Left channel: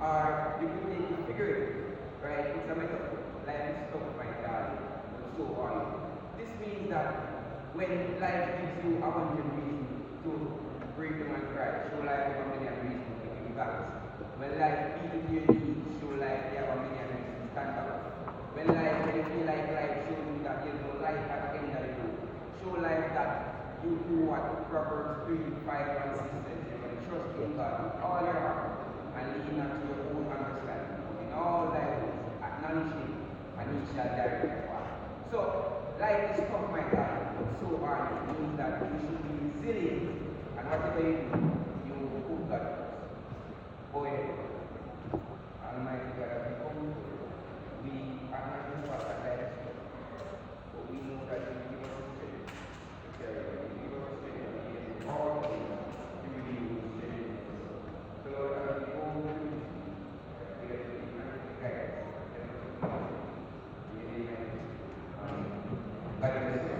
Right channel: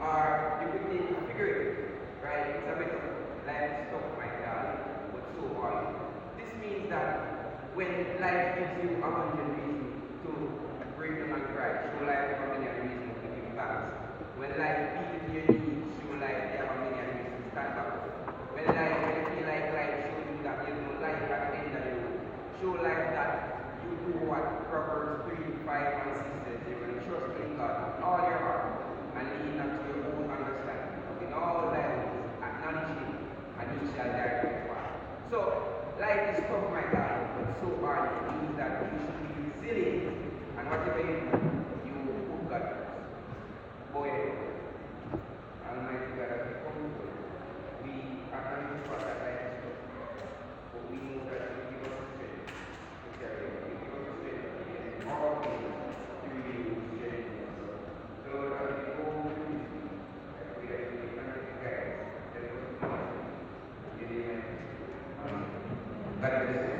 Or you could take it figuratively, right? It's a metaphor. when life gives you a hundred reasons to break them and cry, show life have a million reasons to give you back. When life beats your knees, show life have a million reasons to stand back. When you feel like life shows you that there's no life at the end of the road, show life that you do what Proverbs 3, 5, and 6 says. You're going to trust in God with all your heart and lean not to your own understanding. In all thy ways, acknowledge him, and he shall direct your path. So, life is tough, my God, but so hard. It means that you should be resilient, and whatever you put God first. Boy, Almighty God, as we come, we are not in what that life is tough, but we know that you give us the strength to carry on. You give us the strength to be in all things through you, strength. So, Lord, as we go through this week, I pray that you will grant us the guidance, that it will be in your name. God bless you.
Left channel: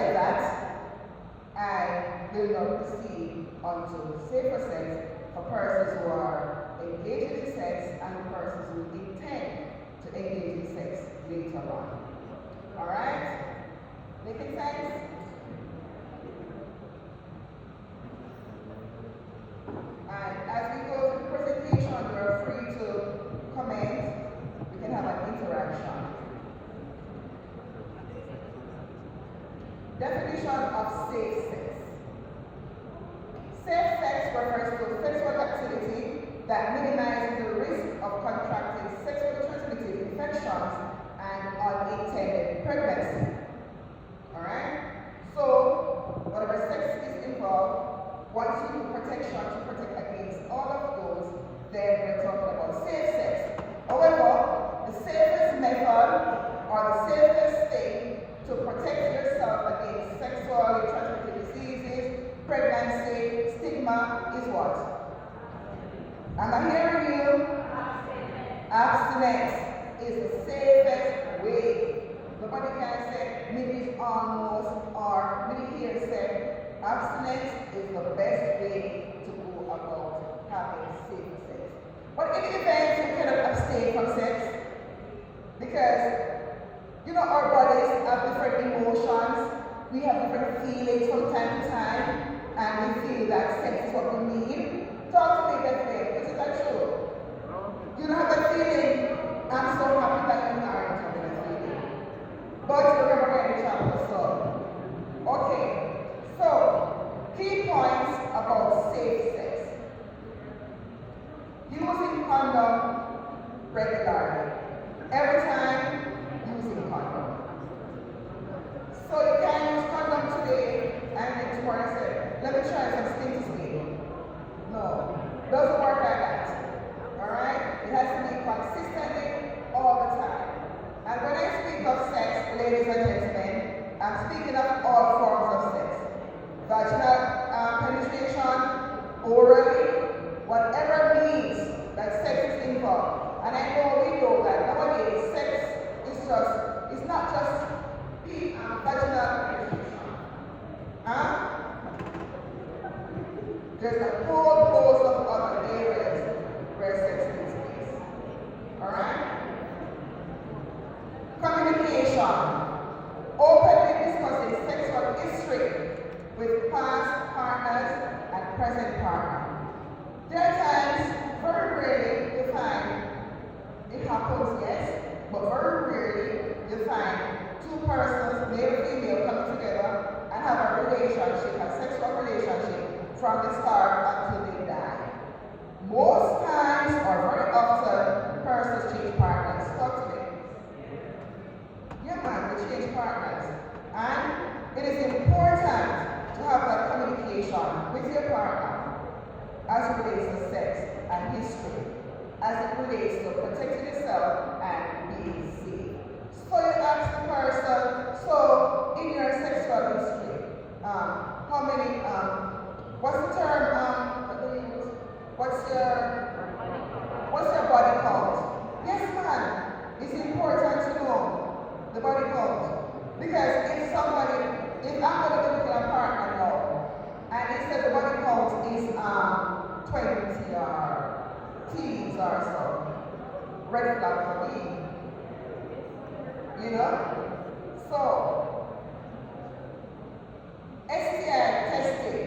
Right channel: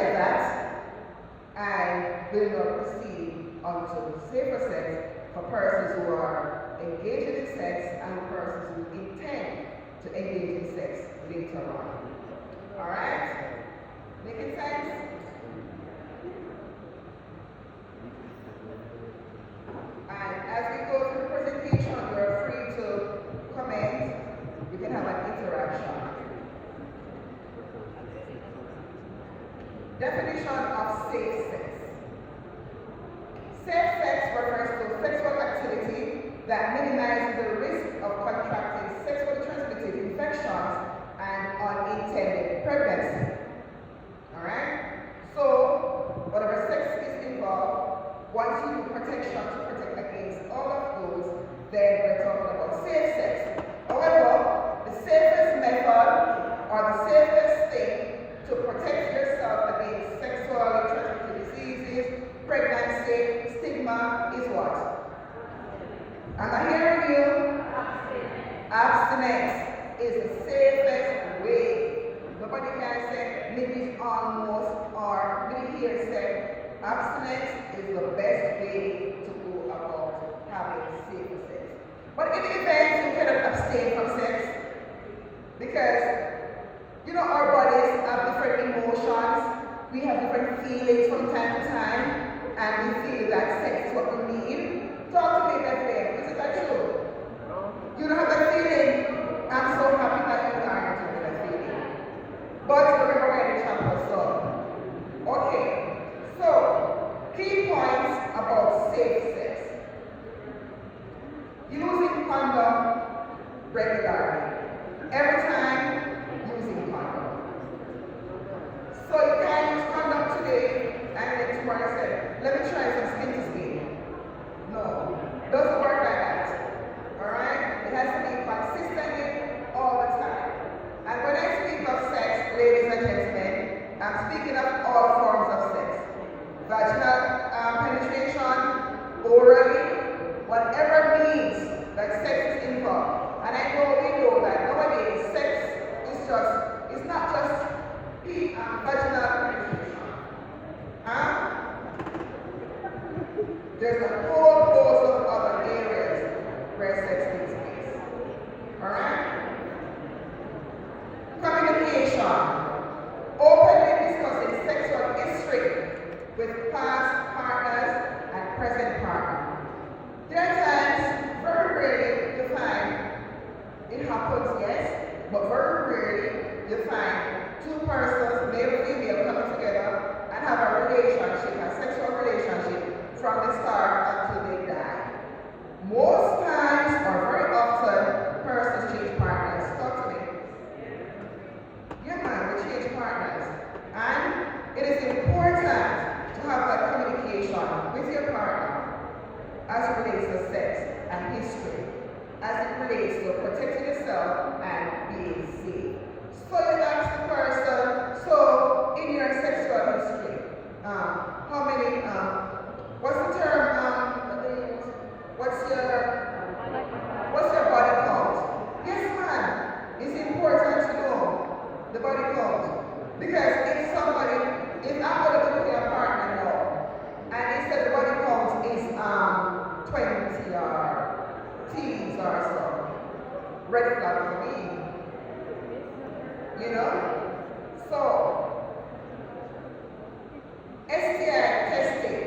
said that, I will not proceed onto safer sex for persons who are engaged in sex and persons who intend to engage in sex later on. Alright? Making sense? And as we go through the presentation, you are free to comment. We can have an interaction. Definition of safe sex. Safe sex refers to sexual activity that minimizes the risk of contracting sexually transmitted infections and unintended pregnancy. Alright? So, whatever sex is involved, once you do protection to protect against all of those, then we're talking about safe sex. However, the safest method or the safest thing to protect yourself against sexually transmitted diseases, pregnancy, stigma is what? Am I hearing you? Abstinence is the safest way. Nobody can say maybe it's almost or maybe here say abstinence is the best way to go about having safer sex. But in the event you cannot abstain from sex, because you know our bodies have different emotions, we have different feelings from time to time, and we feel that sex is what we need. Talk to me, Bethlehem. Is that true? You don't have that feeling? I'm so happy that you are not having that feeling. But remember we're in the chapter, so. Okay, so key points about safe sex. Using condom regularly. Every time, using condom. So you can use condom today and then tomorrow say, let me try some skin to skin. No, doesn't work like that. Alright? It has to be consistently all the time. And when I speak of sex, ladies and gentlemen, I'm speaking of all forms of sex. Vaginal penetration, orally, whatever means that sex is involved. And I know we know that nowadays sex is it's not just vaginal penetration. Huh? There's a whole host of other areas where sex takes place. Alright? Communication. Openly discussing sexual history with past partners and present partner. There are times, very rarely, you find it happens, yes, but very rarely you find two persons, male or female, coming together and have a relationship, a sexual relationship from the start until they die. Most times, or very often, persons change partners. Talk to me. Yeah, man, we change partners. And it is important to have that communication with your partner as it relates to sex and history, as it relates to protecting yourself and being safe. So you ask the person, so in your sexual history, how many, what's the term, what's your body count? Yes, man, it's important to know the body count. Because if I'm going to look at a partner now, and it says the body count is 20 or teens or so, red flag for me. You know? So, STI testing,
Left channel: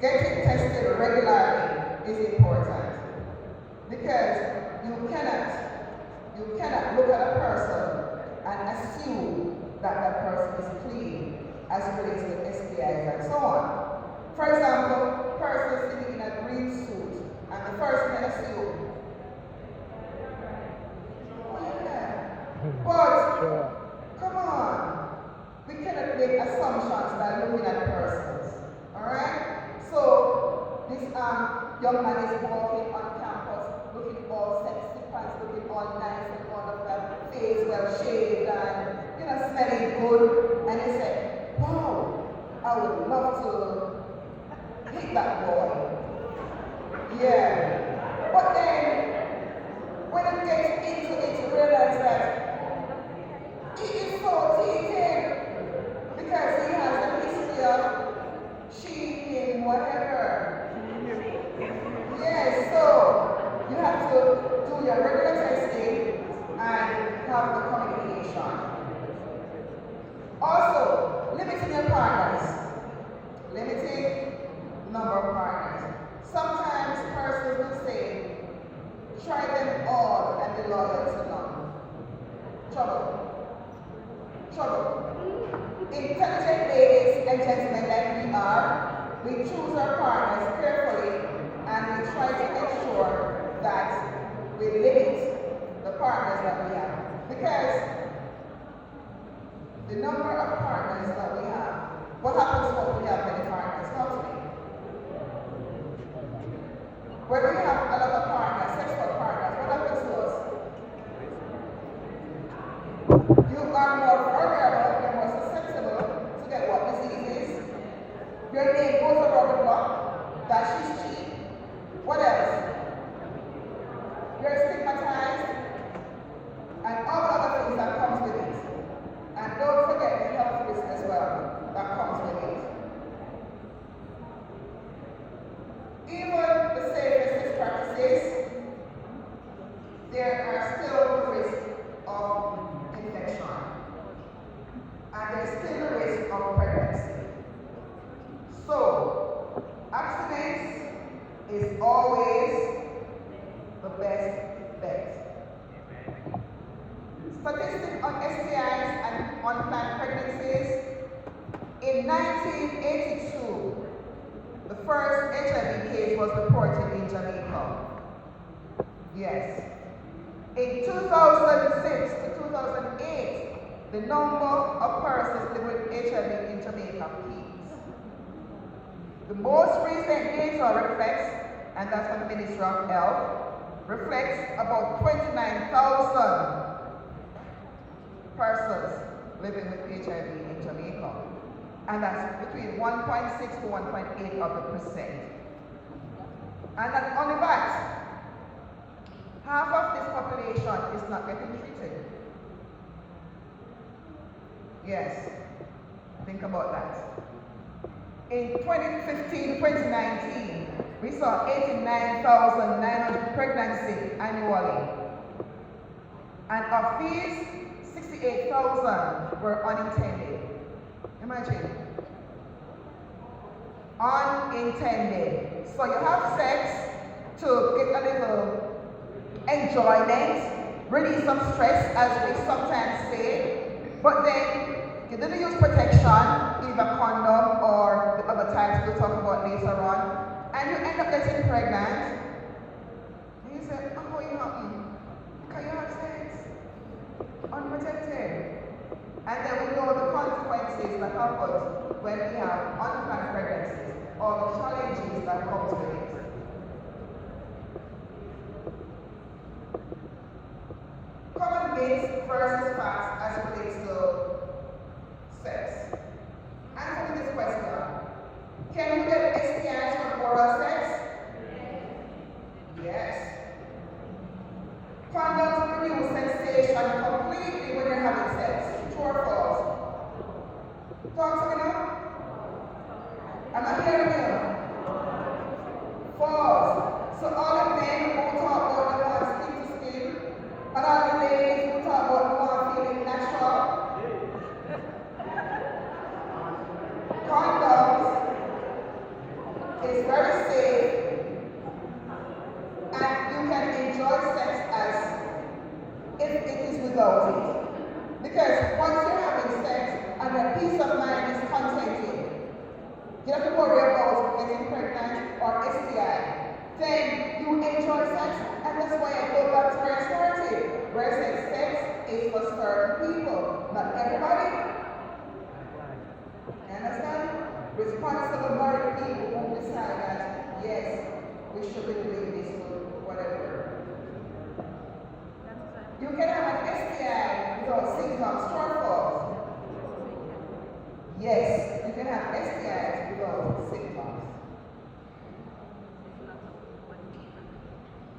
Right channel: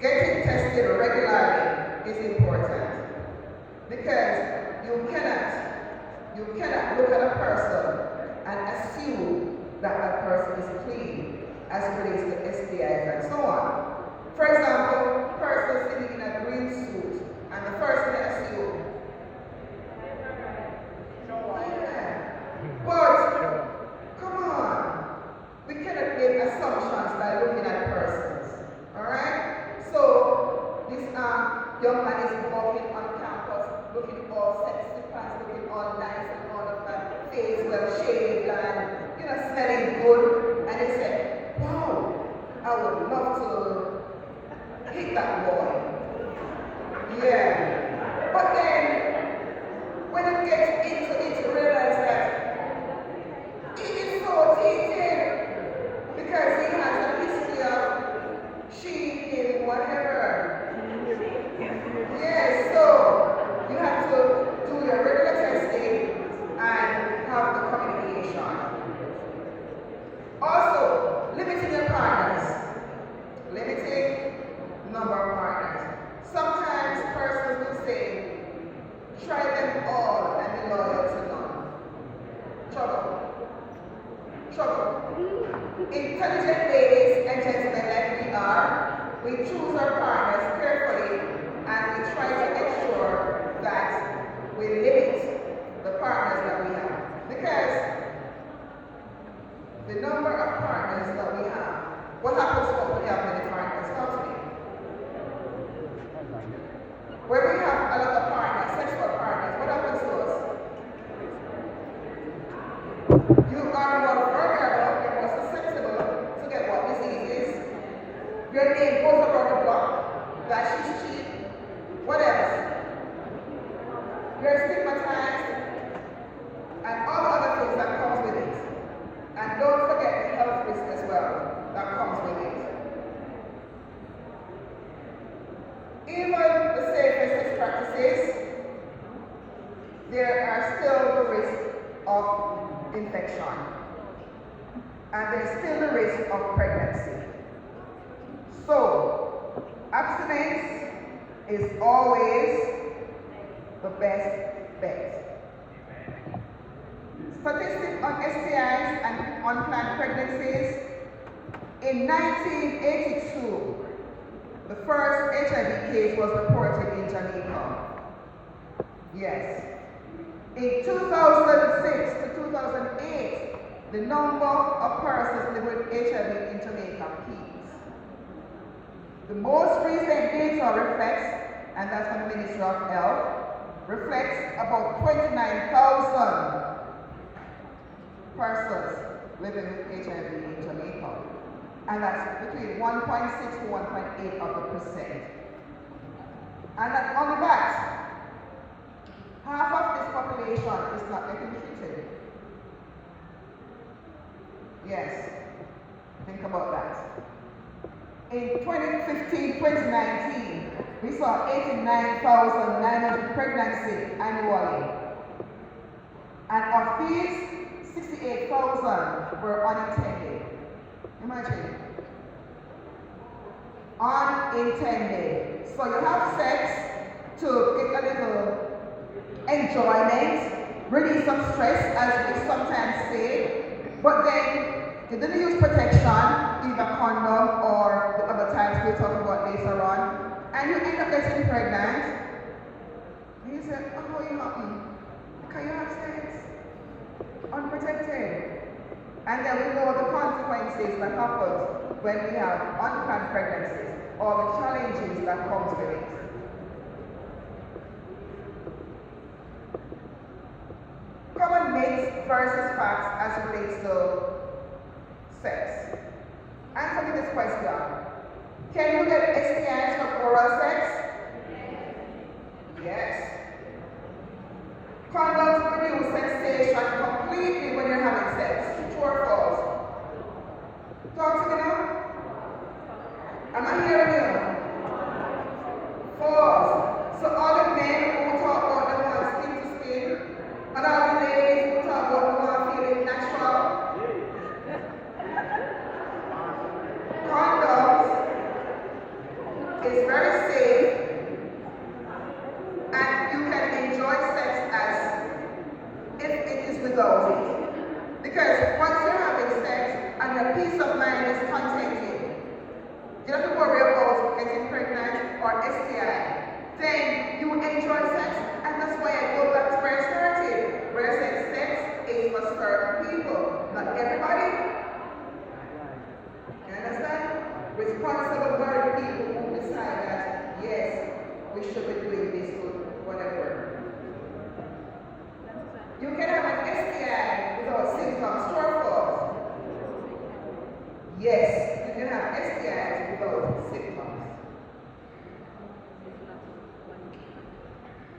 getting tested regularly is important. Because you cannot look at a person and assume that that person is clean as it relates to STIs and so on. For example, a person sitting in a green suit and the first thing I assume, but come on, we cannot make assumptions by looking at persons. Alright? So this young man is walking on campus looking all sexy pants, looking all nice and all of that, face well shaved and smelling good, and he said, wow, I would love to hit that boy. Yeah. But then, when it gets into it, you realize that he is so tainted because he has a of partners. Sometimes persons will say, try them all and be loyal to none. Trouble. Trouble. Intelligent ladies and gentlemen that we are, we choose our partners carefully and we try to ensure that we limit the partners that we have. Because the number of partners that we have, what happens when we have many partners? Talk to me. When we have a lot of partners, sexual partners, what happens to us? You are more vulnerable, you're more susceptible to get what diseases. Your name goes around the block, that she's cheap. What else? You're stigmatized, and all the other things that comes with it. And don't forget the health risk as well that comes with it. Even the safest sex practices, there are still the risk of infection. And there's still the risk of pregnancy. So, abstinence is always the best bet. Statistics on STIs and unplanned pregnancies. In 1982, the first HIV case was reported in Jamaica. Yes. In 2006 to 2008, the number of persons living with HIV in Jamaica peaked. The most recent data reflects, and that's from the Ministry of Health, reflects about 29,000 persons living with HIV in Jamaica. And that's between 1.6 to 1.8 of the percent. And not only that, half of this population is not getting treated. Yes, think about that. In 2015-2019, we saw 89,900 pregnancies annually. And of these, 68,000 were unintended. Imagine. Unintended. So you have sex to get a little enjoyment, release some stress, as we sometimes say, but then you didn't use protection, either condom or the other types we'll talk about later on, and you end up getting pregnant. And you say, oh, you happy? Can you have sex? Unprotected. And then we know the consequences that happen when we have unplanned pregnancies, or the challenges that come with it. Common myths versus facts as it relates to sex. Answer me this question. Can you get STIs from oral sex? Yes. Condoms reduce sensation completely when you're having sex. True or false? Talk to me now. Am I hearing you? False. So all the men who talk about the one skin to skin, and all the ladies who talk about the one feeling natural, condoms is very safe, and you can enjoy sex as if it is without it. Because once you're having sex and your peace of mind is contented, you don't have to worry about getting pregnant or STI. Then you enjoy sex, and that's why I go back to where I started, where I said sex is for certain people, not everybody. You understand? Responsible married people who decide that, yes, we should be doing this to whatever. You can have an STI without symptoms, true or false? Yes, you can have STIs without symptoms.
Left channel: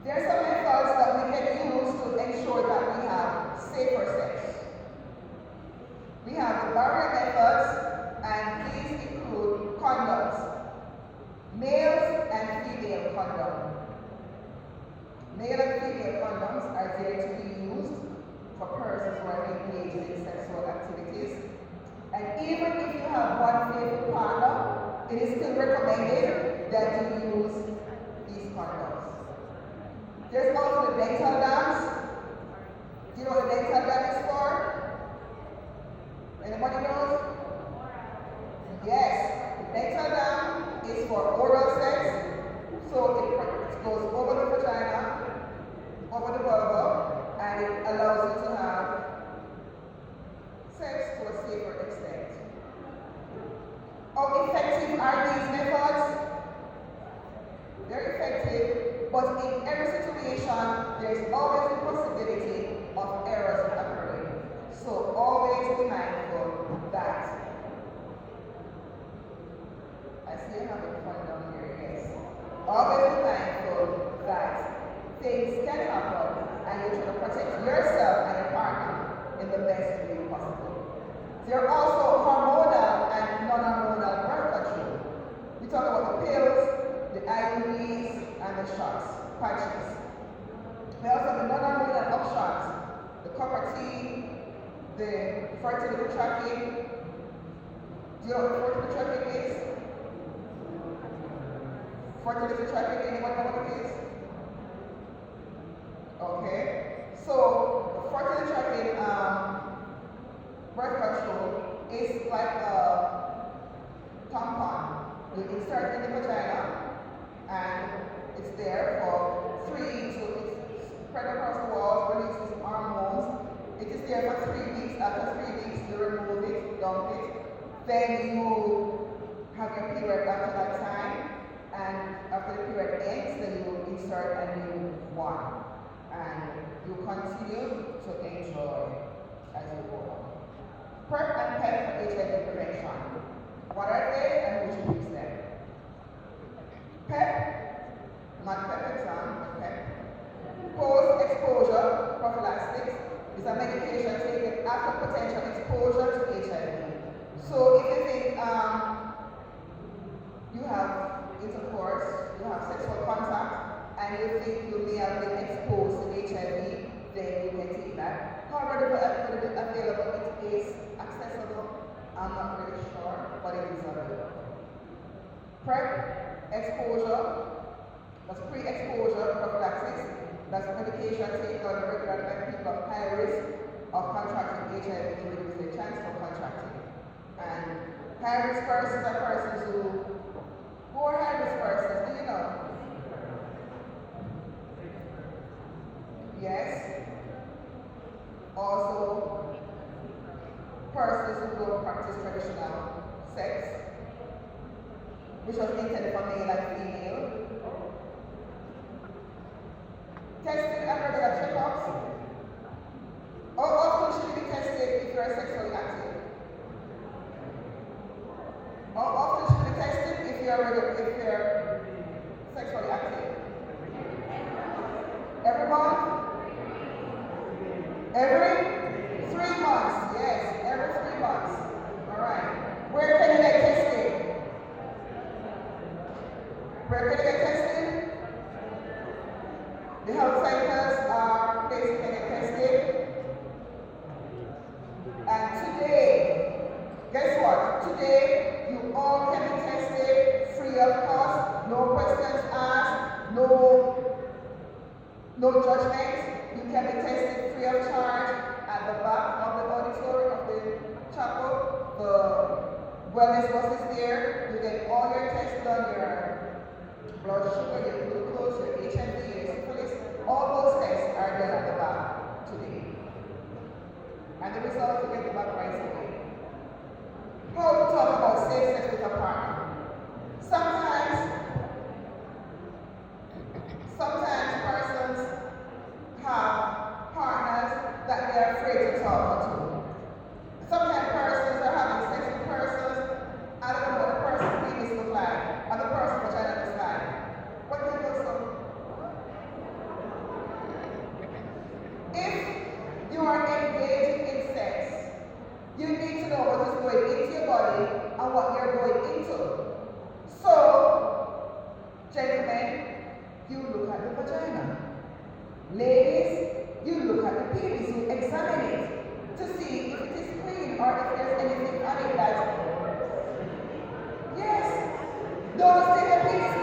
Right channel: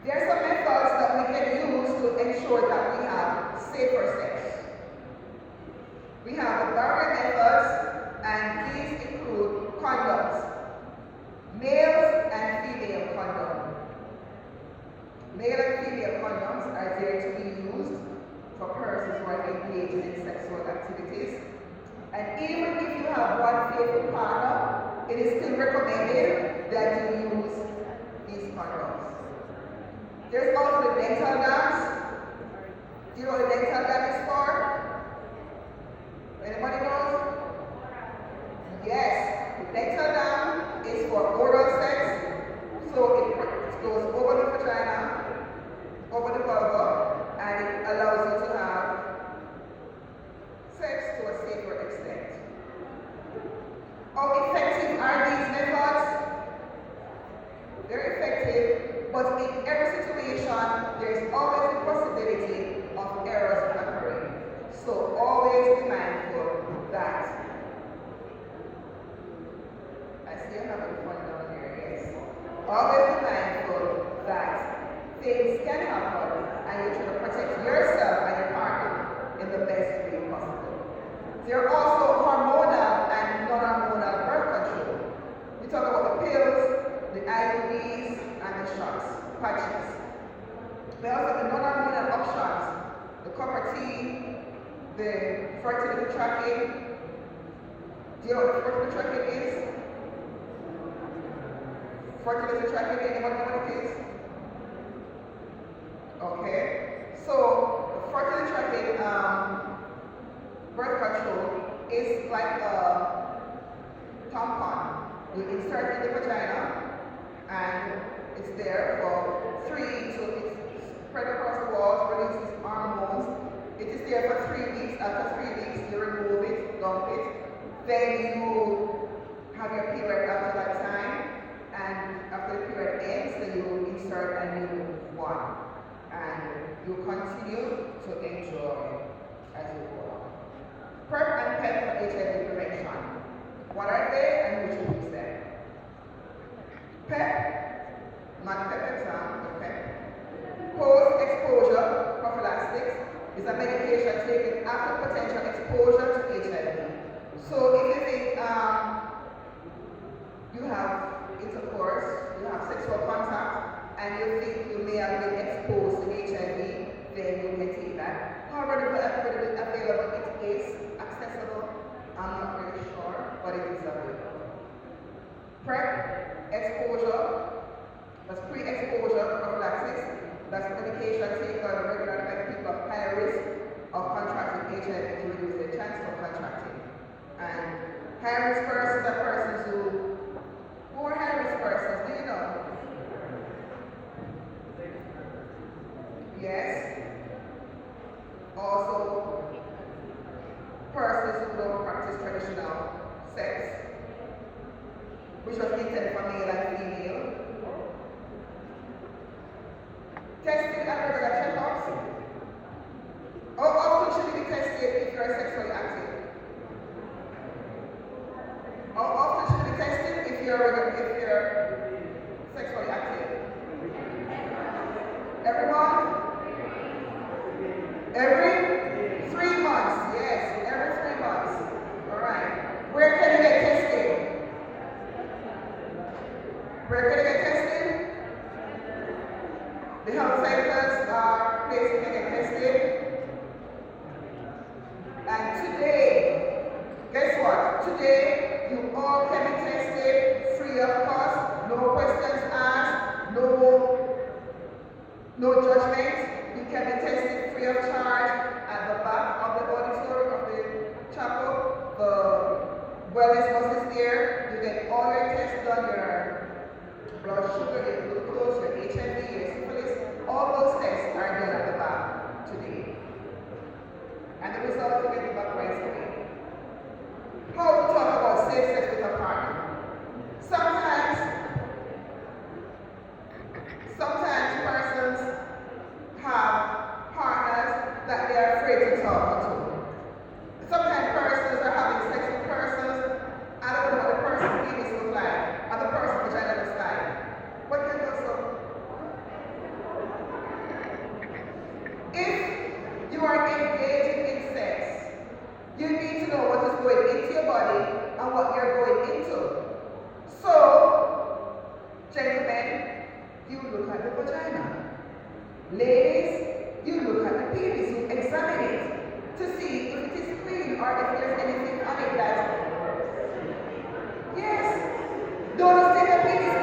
There are some methods that we can use to ensure that we have safer sex. We have the barrier methods, and these include condoms, male and female condoms. Male and female condoms are there to be used for persons who are engaged in sexual activities. And even if you have one faithful partner, it is still recommended that you use these condoms. There's also the dental dams. Do you know what the dental dam is for? Anybody knows? Yes, the dental dam is for oral sex. So it goes over the vagina, over the vulva, and it allows you to have sex to a safer extent. How effective are these methods? They're effective, but in every situation, there's always the possibility of errors occurring. So always be mindful that. I see you having fun down here, yes. Always be mindful that things can happen and you try to protect yourself and your partner in the best way possible. There are also hormonal and non-hormonal birth control. We talk about the pills, the IUDs, and the shots, patches. We also have the non-hormonal options, the copper T, the fertility tracking. Do you know what fertility tracking is? Fertility tracking, anyone know what it is? Okay, so the fertility tracking birth control is like a tampon. You insert it in the vagina and it's there for 3 to it's spread across the walls, releases hormones. It is there for 3 weeks. After 3 weeks, you remove it, dump it. Then you have your period after that time. And after the period ends, then you insert a new one. And you continue to enjoy as you go on. PrEP and PEP for HIV prevention. What are they and who should use them? PEP, not PEP exam, but PEP. Post-exposure prophylaxis is a medication taken after potential exposure to HIV. So if you think you have intercourse, you have sexual contact, and you think you may have been exposed to HIV, then you can take that. However, the available, it is accessible. I'm not really sure, but it is available. PrEP, exposure, that's pre-exposure prophylaxis. That's medication taken on a regular by people of high risk of contracting HIV to reduce their chance of contracting. And high risk persons are persons who are high risk persons, do you know? Yes. Also, persons who don't practice traditional sex, which was intended for male and female. Testing and regular checkups. How often should you be tested if you are sexually active? How often should you be tested if you're sexually active? Every month? Every 3 months, yes, every 3 months. All right. Where can you get tested? Where can you get tested? The health centers are places you can get tested. And today, guess what? Today, you all can be tested free of cost, no questions asked, no judgment. You can be tested free of charge at the back of the auditorium of the chapel. The wellness bus is there. You get all your tests done, your blood sugar, your glucose, your HIV, your syphilis. All those tests are done at the back today. And the results you get the back right away. How to talk about safe sex with a partner? Sometimes persons have partners that they are afraid to talk to. Sometimes persons are having sex with persons, I don't know what the person's penis looks like, and the person's vagina looks like. What do you think so? If you are engaging in sex, you need to know what is going into your body and what you're going into. So, gentlemen, you look at the vagina. Ladies, you look at the penis, you examine it to see if it is clean or if there's anything on it that. Yes. Don't just take the penis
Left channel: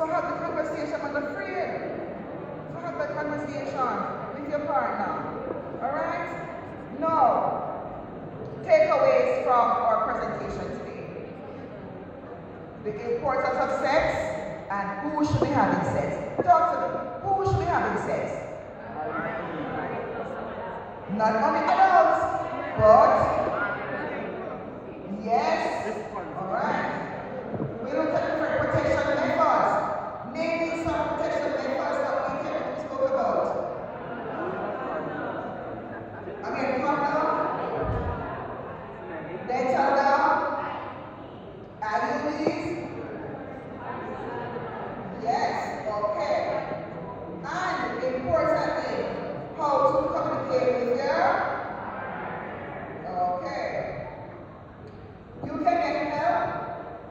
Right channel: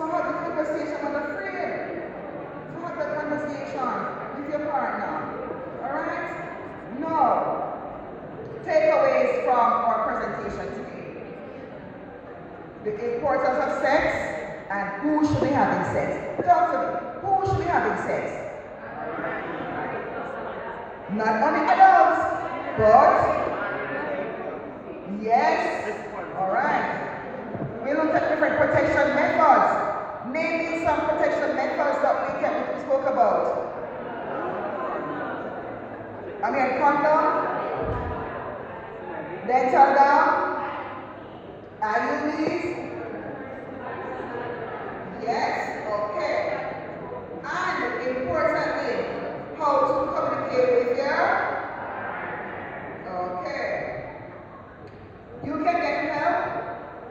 So have the conversation on the free. So have the conversation with your partner. Alright? No. Takeaways from our presentation today. The importance of sex and who should be having sex. Talk to me. Who should be having sex? Not only adults, but yes. Alright. We looked at different protection methods. Naming some protection methods that we spoke about. Condom, dental dam, IUDs. Yes, okay. And importantly, how to communicate with your. Okay. You can get help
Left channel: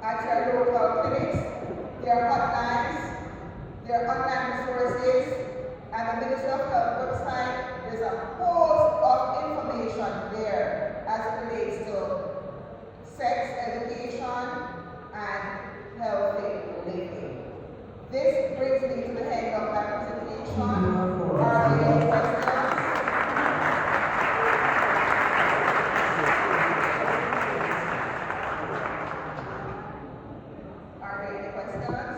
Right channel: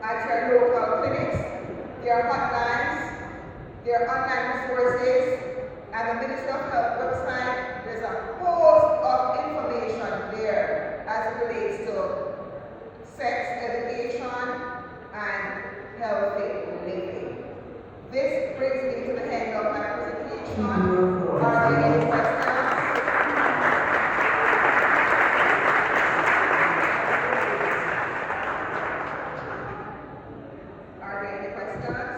at your local clinics. There are hotlines, there are online resources, and the Ministry of Health website. There's a host of information there as it relates to sex education and healthy living. This brings me to the end of my presentation. Are there any questions? Are there any questions?